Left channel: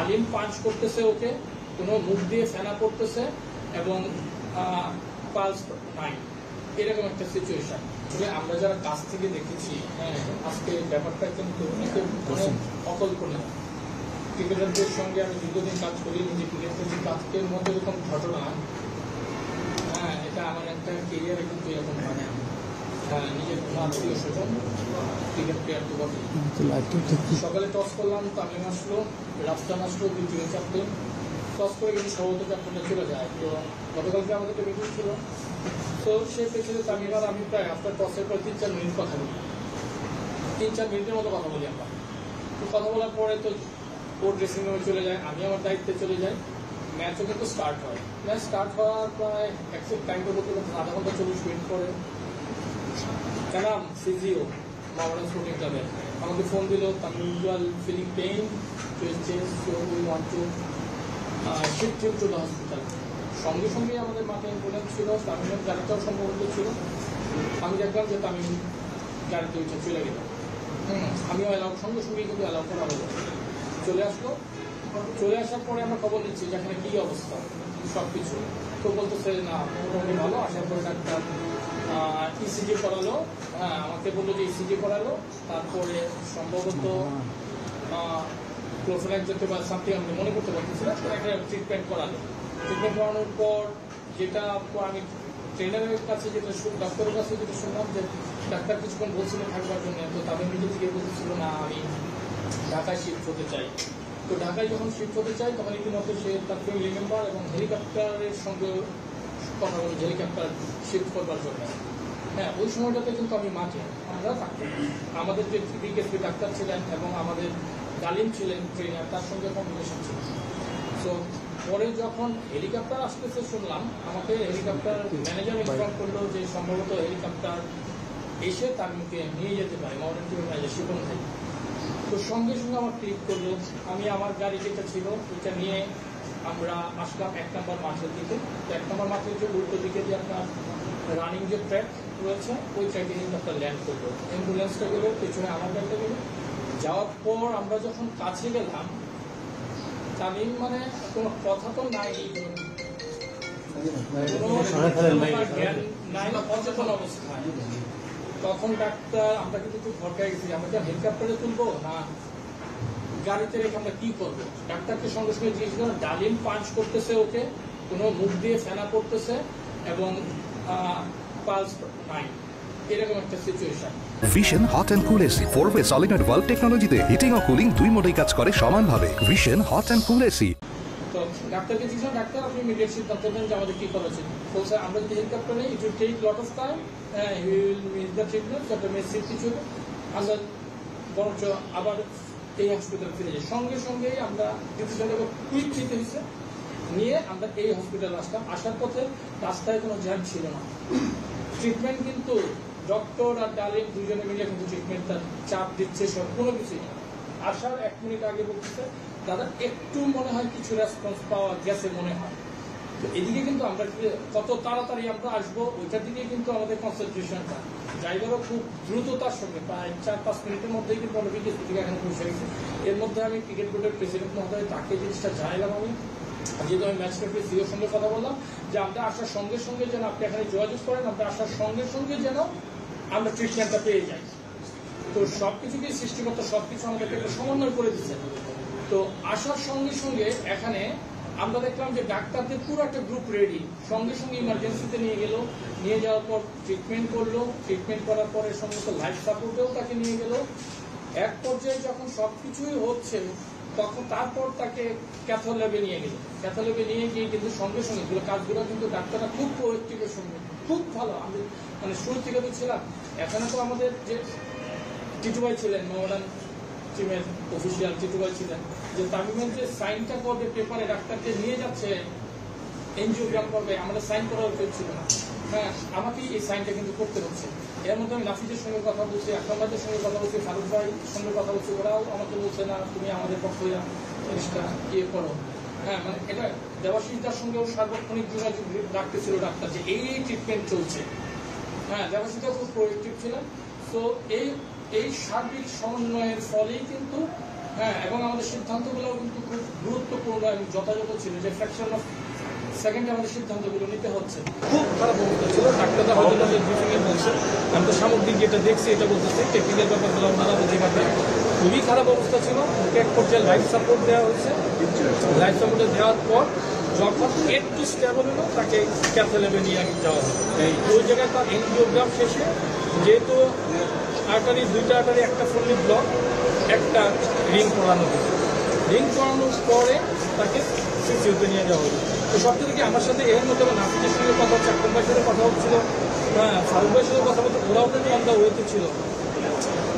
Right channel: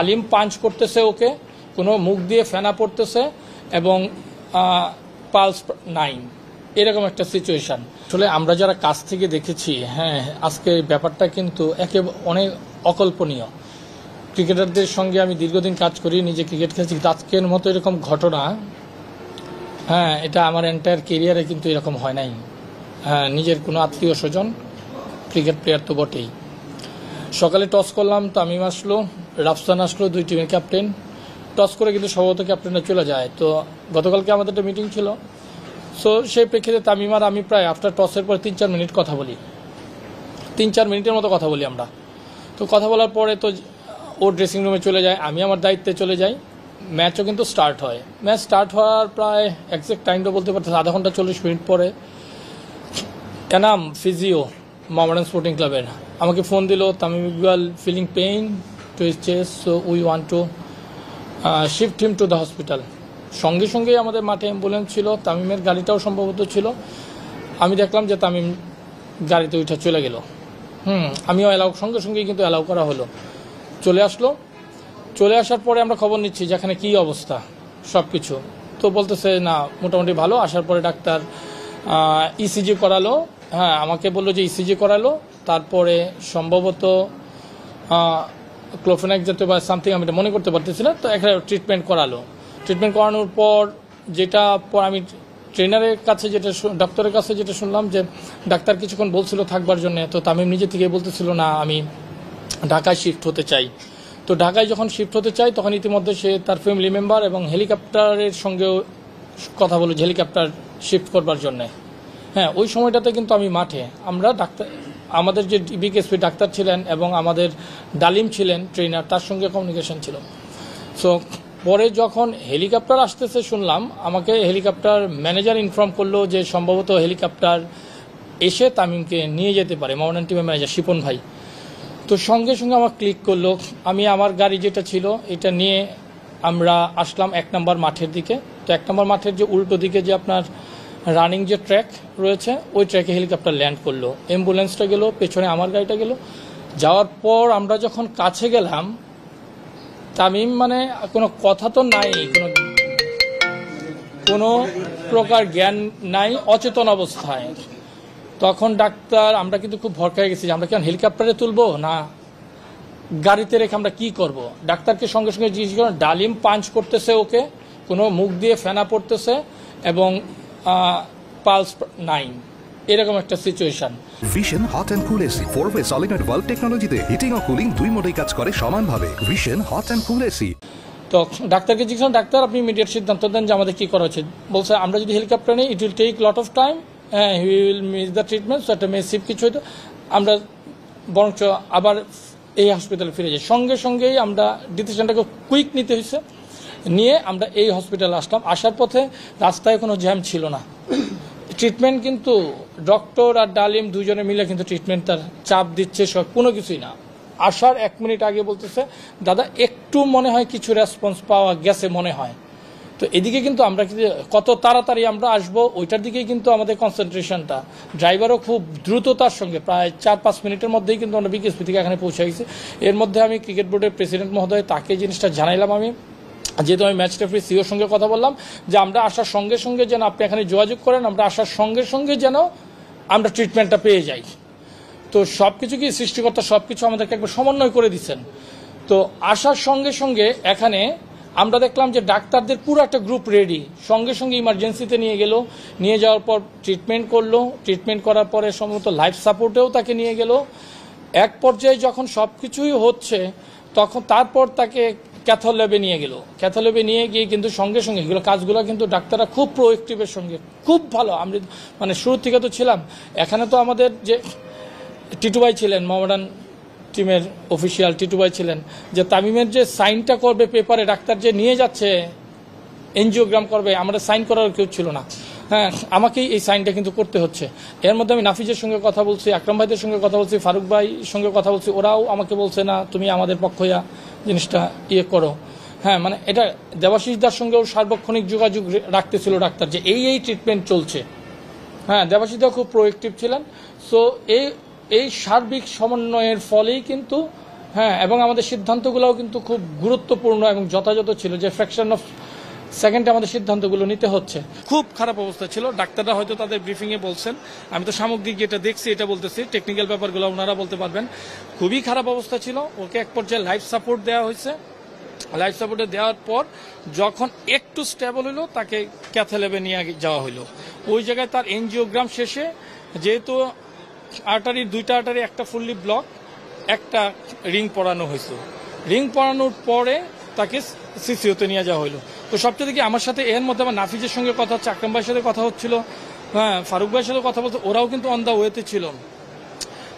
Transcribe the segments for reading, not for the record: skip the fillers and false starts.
তালিম পাঞ্চ করতেছে ওকে, কোনো মুখ দিয়ে ফেনা পড়তেছে এবং পালস নাই, এরকম একটা সিচুয়েশান। আসলে আমরা যারা কাছ থেকে দেখেছি, হ্যাঁ, আজকে ব্যাপারটা কিন্তু অনেক অকল্পনীয়। ক্রিকেটারদের সঙ্গে আমি দীর্ঘদিন কাজ করি, নিজে ক্রিকেট খেলছি, আজকের মতো এরকম ঘটনা, হ্যাঁ, এটা আমার এন্টায়ার কেরিয়ারে কিন্তু এরকম হয় নাই। হ্যাঁ, নিজের কোনো আত্মীয় স্বজন ক্রিকেট প্লেয়ার তো বটেই। সকালে টস করলাম, তামিম আসলো, রাফসান আসলো, দুই টিমের ক্যাপ্টেন। টস করে কিন্তু সম্ভবত ক্যাপ্টেনরা চলে যায়। তো গতকালকে আমাদের একটা মিটিং ছিল, সো সেই প্রেক্ষিতে তামিম আর আমি প্রায় আফটার টসের পর 3-4 মিনিট কথা বলি, 3-4 মিনিটের মতো কথা বলি আমরা। তো কথা বলার পরে তো ওর ড্রেসিং রুমে চলে যায়, আমি আমার দায়িত্বে চলে যাই। ম্যাচও কিন্তু স্টার্ট হয়। ম্যাচ স্টার্ট হওয়ার প্রায় এক্সাক্ট টাইমটা বলতে পারতেছে আধা ঘন্টা 40 মিনিট পরে এনাম ফিজিও মোহামেডান স্পোর্টিং ক্লাবের আমাকে ফোন দিল, Tamim Iqbal feeling pain to his chest, so we want to shift him to the hospital. সঙ্গে সঙ্গেই আমাদের মাঠে অ্যাম্বুলেন্স ছিল, তামিমের গাড়িটাও সম্ভবত ছিল। আমি দেখলাম যে তামিম গাড়িতে উঠে চলে গেল। আমিও সঙ্গে সঙ্গেই কিন্তু অ্যালাউ করা হলো, চলে আসলো। চলে আসার পরে আমরা খবর নিচ্ছি যেখানে কী অবস্থা সব কিছু। তো বলতেছে না, মোটামুটি ভালো। আসার পরে ডাক্তার ইসিজি করালো, হ্যাঁ, আমাকে বললো যে ইসিজি করালো, তারপরে সম্ভবত ক্লোফেনাক জাতীয় বা সামথিং, আমি এটা মনে করতে পারতেছি না। তো একটা ট্রিটমেন্ট করালো। ট্রিটমেন্ট করানোর পর আমি ট্রেনারের কাছে ডাক্তারের কাছে যেটা শুনলাম যে ডাক্তার কিছুক্ষণ বলছিল থাকবার জন্য। তো তামিম নিজে থেকে বলতেছিল না, আমি ঢাকায় শিফট হতে চাই। তো ঢাকায় যখন শিফট হতে চাই তখন ইতিমধ্যে সে তার ফ্যামিলি মেম্বার এবং হেলিকপ্টারের সঙ্গেও কথা বলে হেলিকপ্টার শিফট করবার জন্যে। হ্যাঁ, ওই সময়টাতে কিন্তু আমি মাঠে, আমরা আমাদের যে বিকেএসপি ডাক্তার ছিলেন এবং আমাদের ডালিম ছিলেন ট্রেনার, তার সঙ্গে কমিউনিকেশন ছিল। সো পরে যখন হেলিকপ্টার আসতেছে শুনলাম, আমাকে হেলিকপ্টার ম্যানেজার ইনফর্ম করলো যে সম্ভবত হেলিকপ্টার এসে তামিমকে নিয়ে যেতে পারে, মোহামেডান টিমের ম্যানেজার শিপন ভাই। তো সঙ্গে সঙ্গে আমার ক্লিক করলো। আমি আমার গাড়ি যেটা ছিল এটা নিয়ে আমরা আসলাম 1 নম্বর মাঠের দিকে। তো 1 নম্বর মাঠের যে উল্টো দিকে যে আপনার রানিং যে ট্র্যাক রয়েছে, ওই ট্র্যাকে হেলিকপ্টার ল্যান্ড করলো। অ্যাম্বুলেন্সটা গেল, পেছনে আমার গাড়িটা গেল। যাওয়ার পর আমরা যখন কাছে গেলাম, তামিম মানে কোনো কথা তো নাই, কোনো প্রকার জ্ঞান নাই, অচেতন অবস্থায়। তখন ডাক্তার, আমরা কিন্তু খুব ভরকায় গেছি যে আমরা কেন হেলিকপ্টারে তুলবো না গাড়িতে রেখে আমরা কী করব। ডাক্তারকে সঙ্গে সঙ্গে জিজ্ঞেস করেন, ডালিম পাঞ্চ করতেছে ওকে, কোনো মুখ দিয়ে ফেনা পড়তেছে এবং পালস নাই, এরকম একটা situation. Vision hot and cool AC 4-way solenoid valve টেকনোলজিতে হিটিং ও কুলিং দুই মোডেই কাজ করে সমানভাবে। Vision hot and cool AC. তো ডাক্তারকে জিজ্ঞেস, ডাক্তার আপনি ইমিডিয়েট সিদ্ধান্ত দেন যে আমাদের কী করা উচিত। বলছে আমরা যদি হেলিকপ্টার নিই it will take lot of time, he will miss the treatment, so একটা মেসিভ কিছু হতো, আমরা বরঞ্চ আবার এই হসপিটালে ফিরে যাই। সঙ্গে সঙ্গেই আমরা ডিসিশনটাকে কুইক নিতে হয়েছে, নিয়ে আমরা এই হসপিটালে আসলাম। আসার পথে রাস্তায় কোনো জ্যাম ছিল না। ট্রিটমেন্ট কিন্তু ডক্টর আর ডালিম দুজনে মিলে কিন্তু ট্রিটমেন্ট তার চাপ দিচ্ছে, সব কোনো কিছুই না। আসার 1 মিনিট আগে বলতেছে দাদা একটু মনে হয় কিছু রেসপন্স পাওয়া গেছে মনে হয়। তো এদিকে কিন্তু আমরা কত তাড়াতাড়ি আমরা আসবো ওইটার দিকেই কিন্তু আমাদের কনসেন্ট্রেশনটা। ড্রাইভারও খুব দ্রুততার সঙ্গে প্রায় 4-5 মিনিটের মধ্যেই কিন্তু আমরা বিকেএসপি থেকে এখানে পৌঁছে গেছি। এর মধ্যে আমি ক্রিকেট বোর্ডের প্রেসিডেন্ট মহোদয়, তাকে জিনিসটা জানাইলাম। আমি যেহেতু আমি ম্যাচ রেফারি সিওর সঙ্গে কথা বললাম যে আমরা আসার সঙ্গে সঙ্গে যেন আপনি এখানে যোগাযোগ করেন, আমরা আসার সঙ্গে সঙ্গে যেন আমরা ট্রিটমেন্টটা পেয়ে যাই। তো সব কিছু কি সৃষ্টিকর্তা সব কিছু আমাদেরকে একবার সমন্বয় করে দিচ্ছেন। তো আসার সঙ্গে সঙ্গে এখানে আমরা দেখলাম যে ডাক্তারদের পুরো একটা গ্রুপ রেডি, সঙ্গে সঙ্গে ইমার্জেন্সিতে নিয়ে গেল। নিয়ে যাওয়ার পর ট্রিটমেন্ট করলো, ট্রিটমেন্ট করার পরে সম্ভবত লাইফ সাপোর্টেও তাকে নিয়ে গেল। এক পর্যায়ে যখন সব কিছুই হচ্ছে তখন তারপর তাকে ক্যাথল ল্যাবে নিয়ে গেল। ক্যাথল ল্যাবে নিয়ে গিয়ে কিন্তু সঙ্গে সঙ্গে এগুলো কাজগুলো কিন্তু ডাক্তাররা খুব প্রোয়েক্টিভের সঙ্গে, খুব ভালো। আমরা মানে শুরুর থেকে তো ছিলাম। এখানে তো আমাদের যে টিটু ভাই ছিলেন, মোহামেডান টিমের অফিসিয়াল টিটু ভাই ছিলেন, যে তামিমের যে সাইনটা করবে পেপারে, ডাক্তার যে নিয়ে যাচ্ছে এনজিওগ্রাম করবে, আমাদের সাইন করার কেউ ছিল না। হ্যাঁ, আমাকেই এই সাইনটা কিন্তু করতে হচ্ছে। এর মধ্যে আমি নাফিজের সঙ্গে কথা বলছি, আকরাম ভাইদের সঙ্গে কথা বলছি, ফারুক ভাই সঙ্গে কথা বলছি, ওরাও আমাকে বলছে না তুমি আমাদের পক্ষ হইয়া জিনিসটা করো। হ্যাঁ, মানে এটা দেবাশিসদার সঙ্গেও সার্বক্ষণিক যোগাযোগ রাখতেছিল ডাক্তার যে এই ট্রিটমেন্ট চলছে। হ্যাঁ, দেবাশিসদা খুব প্রোয়েক্টিভ ছিলেন। সো এই সার্বিক সমন্বয়ের ফলেই কিন্তু হ্যাঁ, এবং আমাদের সিদ্ধান্তগুলোও কিন্তু খুব গুরুত্বপূর্ণ এবং যথাযথ ছিল, যে ফ্র্যাকশন অফ সেকেন্ডে আমাদের সিদ্ধান্তগুলো নিতে হচ্ছে। খুব খারাপ অবস্থা ছিল, ডাক্তাররা হয়তো তাদের ব্রিফিংয়ে বলছেন, আমি তো সামগ্রিক যেটা দেখছি এটা বলতেছি, টেকনিক্যাল ব্যাপারগুলো ওনারা বলতে পারবেন। খুবই খারাপ অবস্থা ছিল, ওকে এক পর্যায়ে লাইফ সাপোর্ট দেওয়া হয়েছে। লাইফ সাপোর্টে দেওয়ার পর যখন একটু স্টেবল হলো তাকে ক্যাথল্যাবে নিয়ে যাওয়া হলো। ওই জায়গায় তার এনজিওগ্রাম শেষে, যেহেতু আর্টারি, দুইটা আর্টারি, একটা ফুললি ব্লক, একটা রিং পরানো হয়েছে। রিং পরানোর পরে তাকে সিসিওতে নিয়ে যাওয়া হলো। তো সবচেয়ে দেখি আমার সাথে এর মধ্যে আমার নাফিজের সঙ্গে কথা হচ্ছে, আকরাম ভাইয়ের সাথে কথা হচ্ছিল, হ্যাঁ, ফারুক ভাইয়ের সাথে কথা বলতে, ওরাও কিন্তু অন দ্য ওয়েতে ছিল।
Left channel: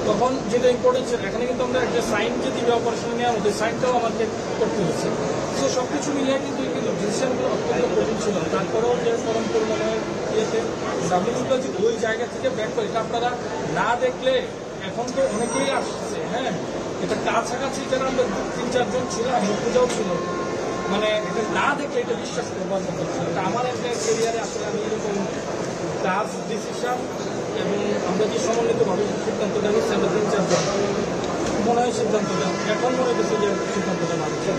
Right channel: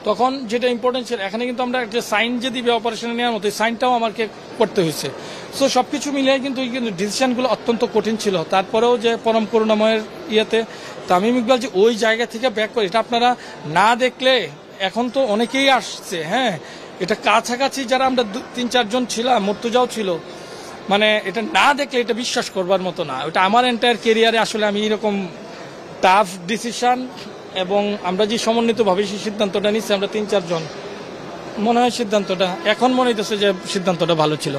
তখন যেটা ইম্পর্টেন্ট ছিল, এখানে কিন্তু আমরা যে সাইন যে দিবে অপারেশনে নেওয়ার মতো, সাইনটাও আমাকে করতে হয়েছে। সো সব কিছু মিলিয়ে কিন্তু ডিসিশনগুলো অত্যন্ত কঠিন ছিল। তারপরেও যে পরম করুণাময়ের ইয়েতে তামিম ইকবাল যে ওই জায়গা থেকে ব্যাক করে, এটা আপনারা না দেখলে, এখন তো অনেকেই আসছে, হ্যাঁ, এটা কাছাকাছি যারা আমরা 3-4 জন ছিলাম, মর্তুজাও ছিল, মানে এটা না দেখলে এটা বিশ্বাস করবার মতো না। এটা আমার এন্টায়ার কেরিয়ারে আসলে আমি এরকম টাফ ডিসিশন, এবং আমরা যে সমন্বিতভাবে সেই সিদ্ধান্তটা নিচ্ছি আমরা 3-4 জন, মনে হয় সিদ্ধান্তটা এখন মনে হইতেছে যে সিদ্ধান্তটা ভালো ছিল।